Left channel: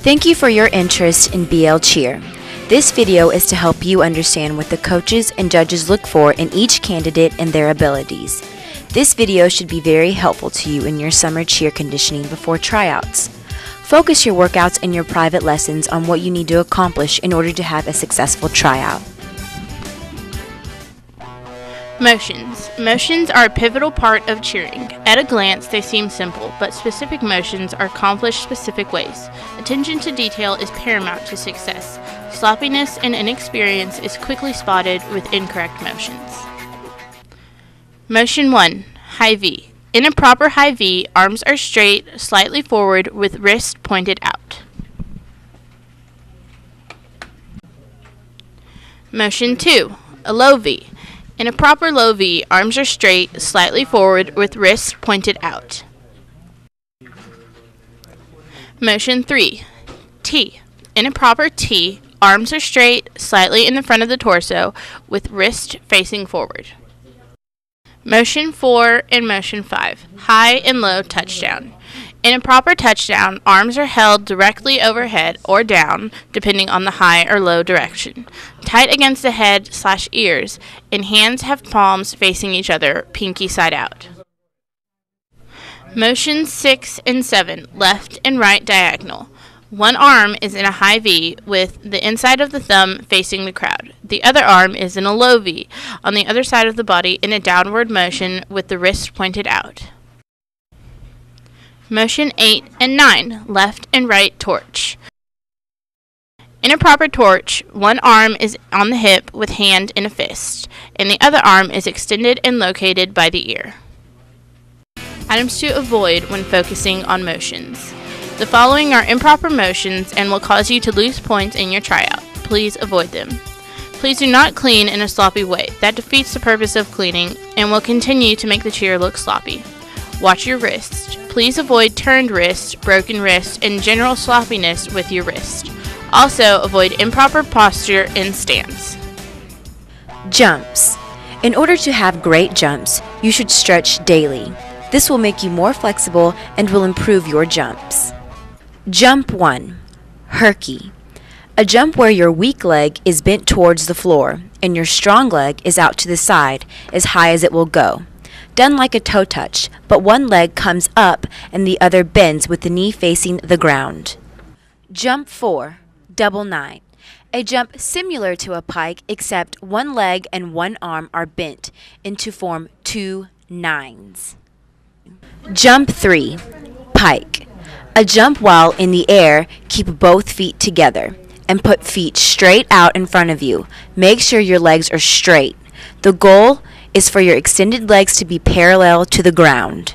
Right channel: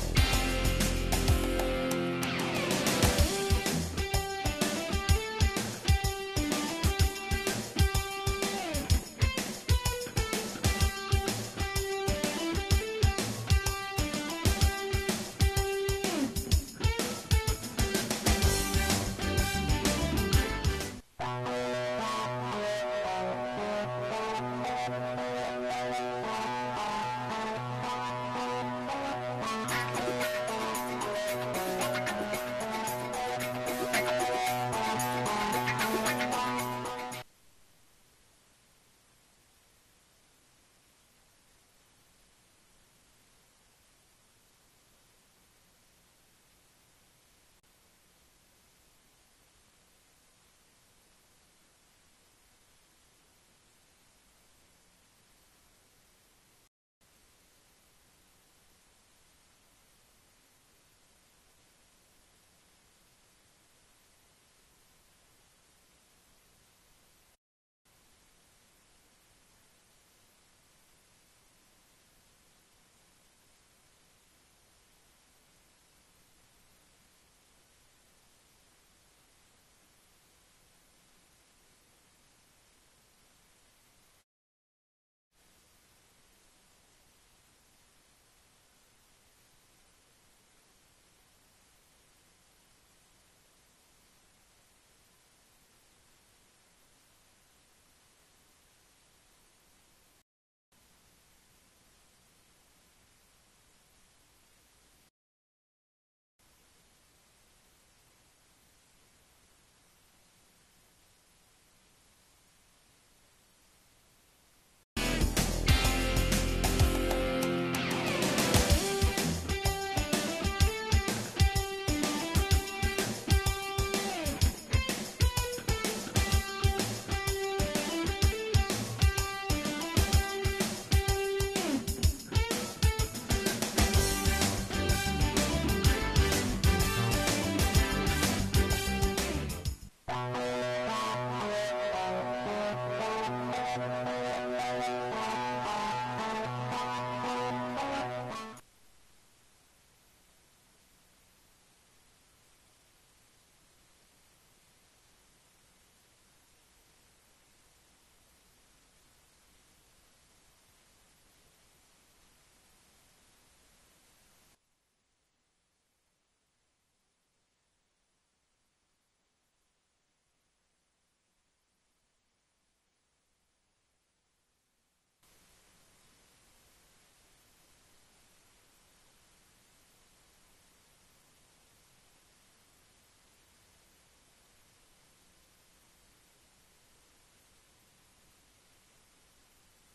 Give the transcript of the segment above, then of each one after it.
Thank you for your interest in BL Cheer. This video is to help you understand what the coaches and judges look for in each candidate and their abilities. This video should be very helpful to you in your summer cheer conditioning before tryouts. Focus your workouts and your private lessons on what you need to accomplish in order to have a successful tryout. Motions. Motions are a pivotal part of cheering. At a glance, they seem simple, but specific motions are accomplished specific ways. Attention to detail is paramount to success. Sloppiness and inexperience is quickly spotted with incorrect motions. Motion 1. High V. In a proper high V, arms are straight, slightly forward, with wrists pointed out. Motion 2. A low V. In a proper low V, arms are straight, slightly forward, with wrists pointed out. Motion 3. T. In a proper T, arms are straight, slightly in the front of the torso, with wrist facing forward. Motion 4 and Motion 5. High and low touchdown. In a proper touchdown, arms are held directly overhead or down, depending on the high or low direction, tight against the head/ears, and hands have palms facing each other, pinky side out. Motions 6 and 7, left and right diagonal. One arm is in a high V with the inside of the thumb facing the crowd. The other arm is in a low V on the other side of the body in a downward motion with the wrist pointed out. Motion 8 and 9, left and right torch. In a proper torch, one arm is on the hip with hand in a fist, and the other arm is extended and located by the ear. Items to avoid when focusing on motions. The following are improper motions and will cause you to lose points in your tryout. Please avoid them. Please do not clean in a sloppy way. That defeats the purpose of cleaning and will continue to make the cheer look sloppy. Watch your wrist. Please avoid turned wrist, broken wrist, and general sloppiness with your wrist. Also, avoid improper posture in stance. Jumps. In order to have great jumps, you should stretch daily. This will make you more flexible and will improve your jumps. Jump 1. Herky. A jump where your weak leg is bent towards the floor and your strong leg is out to the side as high as it will go. Done like a toe touch, but one leg comes up and the other bends with the knee facing the ground. Jump 4. Double 9. A jump similar to a pike except one leg and one arm are bent into form 2 nines. Jump 3. Pike. A jump while in the air, keep both feet together and put feet straight out in front of you. Make sure your legs are straight. The goal is for your extended legs to be parallel to the ground.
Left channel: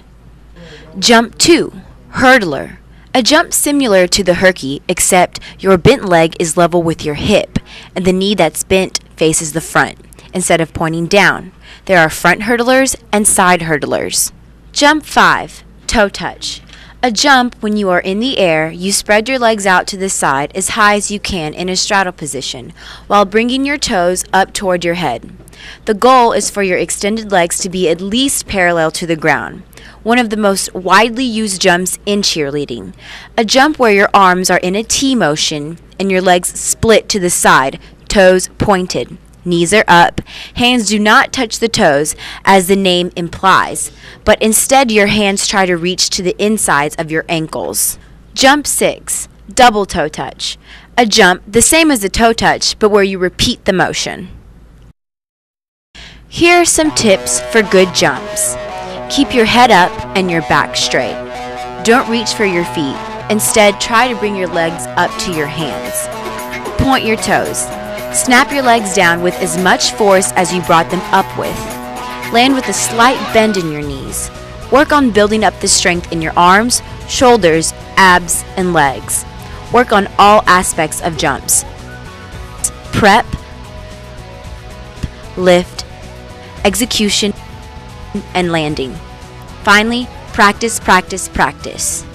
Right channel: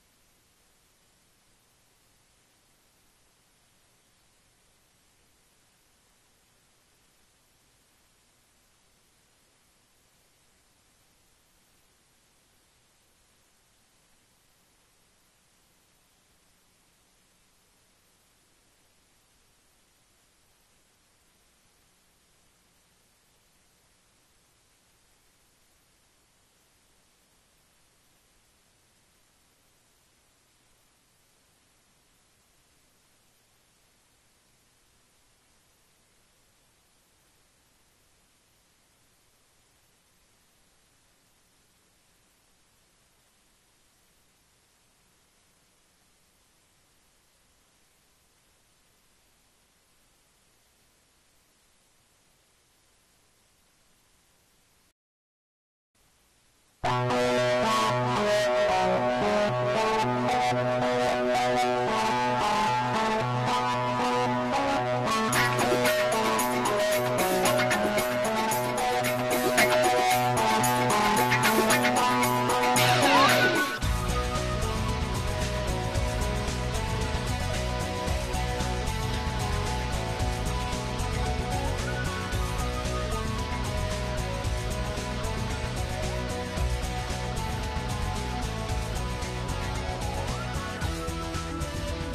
Jump 2. Hurdler. A jump similar to the herky, except your bent leg is level with your hip, and the knee that's bent faces the front, instead of pointing down. There are front hurdlers and side hurdlers. Jump 5. Toe touch. A jump when you are in the air, you spread your legs out to the side as high as you can in a straddle position, while bringing your toes up toward your head. The goal is for your extended legs to be at least parallel to the ground. One of the most widely used jumps in cheerleading. A jump where your arms are in a T motion and your legs split to the side, toes pointed. Knees are up. Hands do not touch the toes as the name implies, but instead your hands try to reach to the insides of your ankles. Jump 6. Double toe touch. A jump the same as a toe touch, but where you repeat the motion. Here are some tips for good jumps. Keep your head up and your back straight. Don't reach for your feet. Instead, try to bring your legs up to your hands. Point your toes. Snap your legs down with as much force as you brought them up with. Land with a slight bend in your knees. Work on building up the strength in your arms, shoulders, abs, and legs. Work on all aspects of jumps. Prep, lift, execution, and landing. Finally, practice, practice, practice.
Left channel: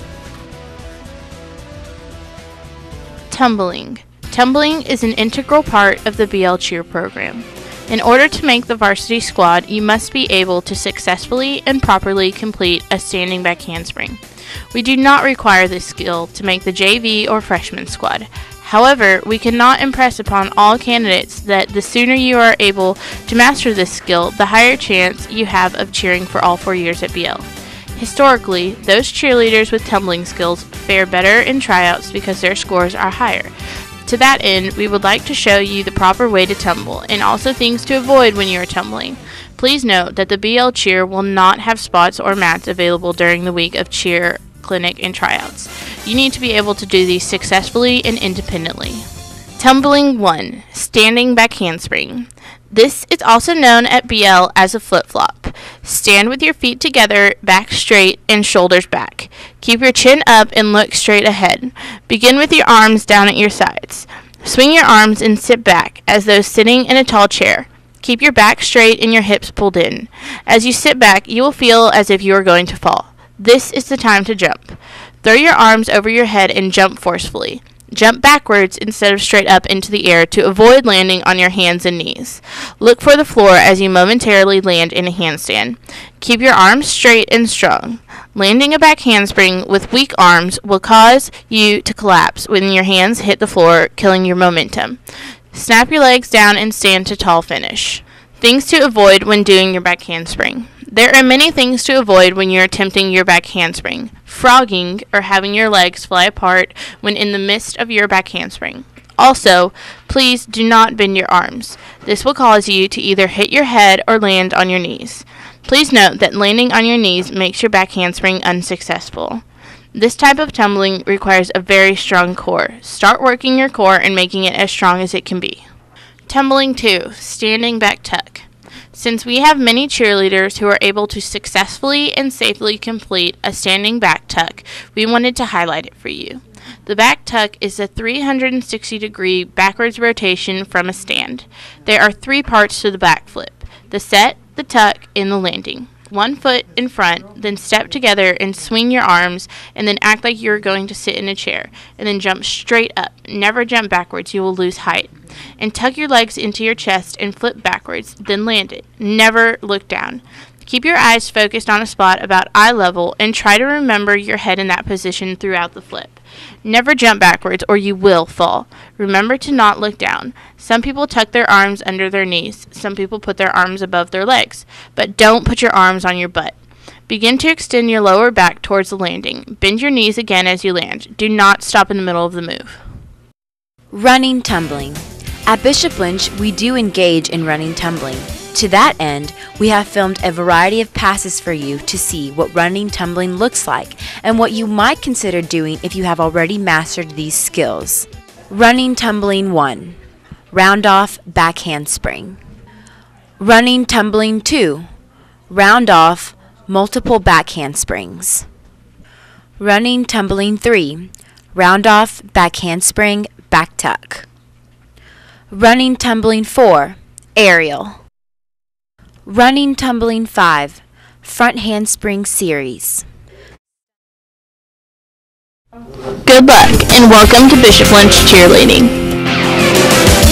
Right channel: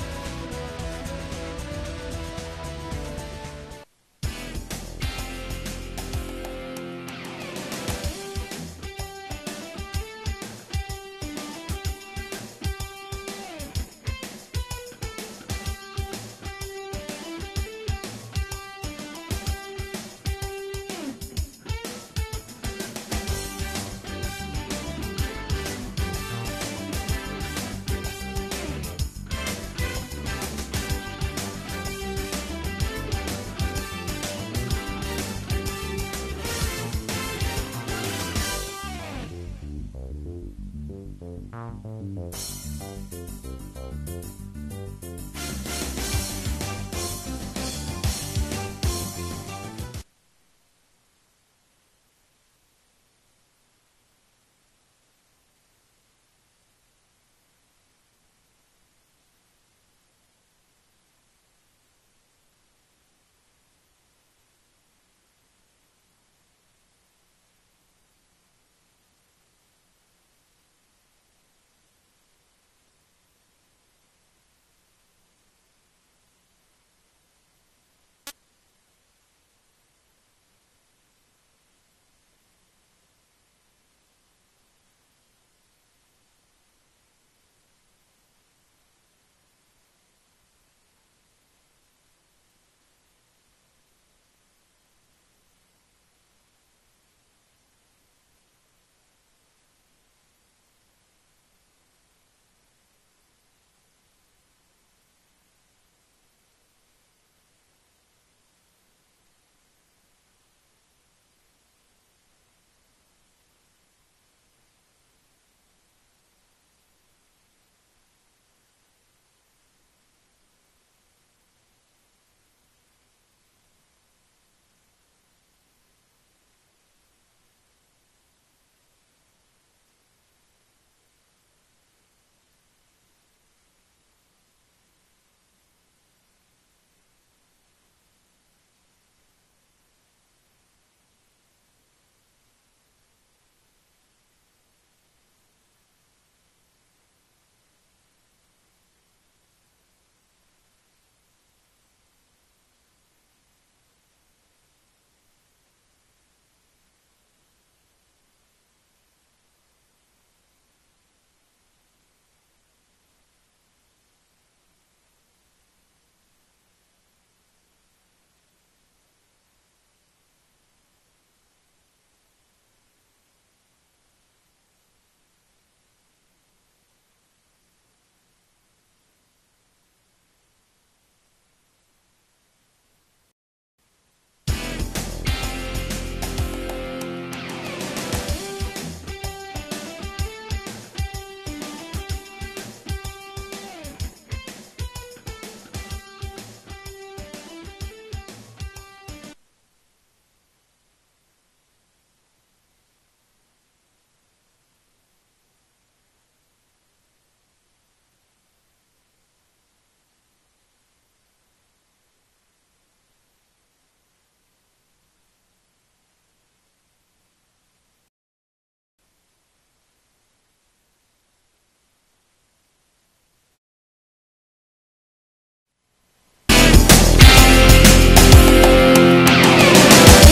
Tumbling. Tumbling is an integral part of the BL Cheer program. In order to make the varsity squad, you must be able to successfully and properly complete a standing back handspring. We do not require this skill to make the JV or freshman squad. However, we cannot impress upon all candidates that the sooner you are able to master this skill, the higher chance you have of cheering for all 4 years at BL. Historically, those cheerleaders with tumbling skills fare better in tryouts because their scores are higher. To that end, we would like to show you the proper way to tumble and also things to avoid when you are tumbling. Please note that the BL Cheer will not have spots or mats available during the week of cheer, clinic, and tryouts. You need to be able to do these successfully and independently. Tumbling 1. Standing back handspring. This is also known at BL as a flip-flop. Stand with your feet together, back straight, and shoulders back. Keep your chin up and look straight ahead. Begin with your arms down at your sides. Swing your arms and sit back as though sitting in a tall chair. Keep your back straight and your hips pulled in. As you sit back, you will feel as if you are going to fall. This is the time to jump. Throw your arms over your head and jump forcefully. Jump backwards instead of straight up into the air to avoid landing on your hands and knees. Look for the floor as you momentarily land in a handstand. Keep your arms straight and strong. Landing a back handspring with weak arms will cause you to collapse when your hands hit the floor, killing your momentum. Snap your legs down and stand to tall finish. Things to avoid when doing your back handspring. There are many things to avoid when you're attempting your back handspring. Frogging, or having your legs fly apart when in the midst of your back handspring. Also, please do not bend your arms. This will cause you to either hit your head or land on your knees. Please note that landing on your knees makes your back handspring unsuccessful. This type of tumbling requires a very strong core. Start working your core and making it as strong as it can be. Tumbling 2. Standing back tuck. Since we have many cheerleaders who are able to successfully and safely complete a standing back tuck, we wanted to highlight it for you. The back tuck is a 360-degree backwards rotation from a stand. There are 3 parts to the back flip: the set, the tuck, and the landing. 1 foot in front, then step together and swing your arms, and then act like you're going to sit in a chair, and then jump straight up. Never jump backwards, you will lose height. And tuck your legs into your chest and flip backwards, then land it. Never look down. Keep your eyes focused on a spot about eye level and try to remember your head in that position throughout the flip. Never jump backwards or you will fall. Remember to not look down. Some people tuck their arms under their knees. Some people put their arms above their legs. But don't put your arms on your butt. Begin to extend your lower back towards the landing. Bend your knees again as you land. Do not stop in the middle of the move. Running tumbling. At Bishop Lynch, we do engage in running tumbling. To that end, we have filmed a variety of passes for you to see what running tumbling looks like and what you might consider doing if you have already mastered these skills. Running tumbling 1. Round off back handspring. Running tumbling 2. Round off multiple back handsprings. Running tumbling 3. Round off back handspring, back tuck. Running tumbling 4. Aerial. Running tumbling 5. Front handspring series. Good luck and welcome to Bishop Lynch Cheerleading.